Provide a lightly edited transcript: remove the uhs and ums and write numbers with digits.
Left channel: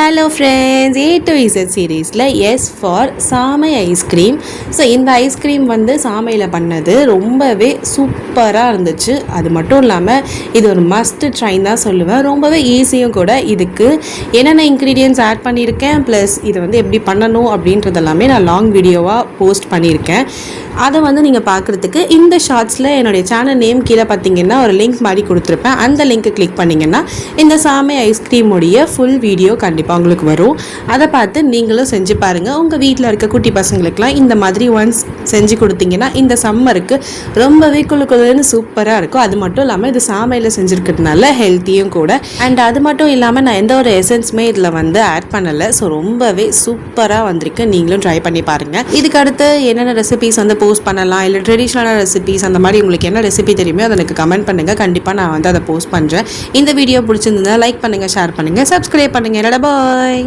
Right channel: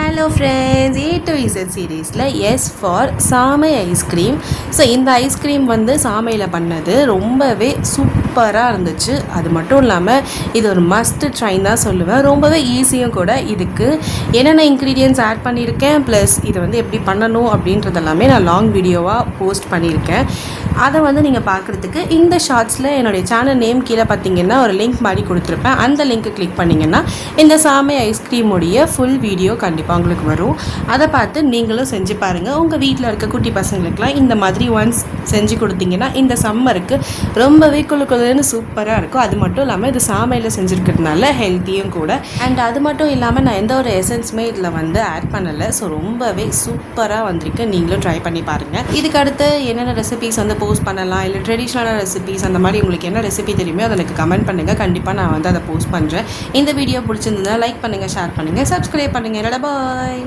Hello friends, A to Z சீரீஸில் S for சாமை ice cream. So இந்த ஐஸ்கிரீம் வந்து சாமையில் பண்ணது ரொம்பவே சூப்பராக இருந்துச்சு. அது மட்டும் இல்லாமல் இது ஒரு மஸ்ட் ட்ரைன் தான் சொல்லுவேன். ரொம்பவே ஈஸியும் கூட. இதுக்கு என்னென்ன இன்க்ரீடியன்ட்ஸ் ஆட் பண்ணியிருக்கேன் ப்ளஸ் இது வந்து எப்படி பண்ணணும் அப்படின்றதெல்லாமே நான் லாங் வீடியோவாக போஸ்ட் பண்ணியிருக்கேன். அதை வந்து நீங்கள் பார்க்குறதுக்கு இந்த ஷார்ட்ஸில் என்னுடைய சேனல் நேம் கீழே பார்த்தீங்கன்னா ஒரு லிங்க் மாதிரி கொடுத்துருப்பேன். அந்த லிங்க்கை கிளிக் பண்ணிங்கன்னா இந்த சாமை ஐஸ்கிரீமுடைய ஃபுல் வீடியோ கண்டிப்பாக உங்களுக்கு வரும். அதை பார்த்து நீங்களும் செஞ்சு பாருங்கள். உங்கள் வீட்டில் இருக்க குட்டி பசங்களுக்குலாம் இந்த மாதிரி ஒன்ஸ் செஞ்சு கொடுத்தீங்கன்னா இந்த சம்மருக்கு ரொம்பவே குழுன்னு சூப்பராக இருக்கும். அது மட்டும் இல்லாமல் இது சாமையில் செஞ்சுருக்கிறதுனால ஹெல்த்தியும் கூட. அண்ட் அது மட்டும் இல்லாமல் நான் எந்த ஒரு எசன்ஸுமே இதில் வந்து ஆட் பண்ணலை. ஸோ ரொம்பவே சூப்பராக வந்திருக்கு. நீங்களும் ட்ரை பண்ணி பாருங்கள். இதுக்கு அடுத்து என்னென்ன ரெசிபீஸ் வந்து போஸ்ட் பண்ணலாம், இல்லை ட்ரெடிஷ்னலான ரெசிபீஸ் அந்த மாதிரி உங்களுக்கு என்ன ரெசிபி தெரியுமோ அதை எனக்கு கமெண்ட் பண்ணுங்கள். கண்டிப்பாக நான் வந்து அதை போஸ்ட் பண்ணுறேன். இந்த வீடியோ பிடிச்சிருந்தா லைக் பண்ணுங்கள், ஷேர் பண்ணுங்கள், சப்ஸ்கிரைப் பண்ணுங்கள். பாய்.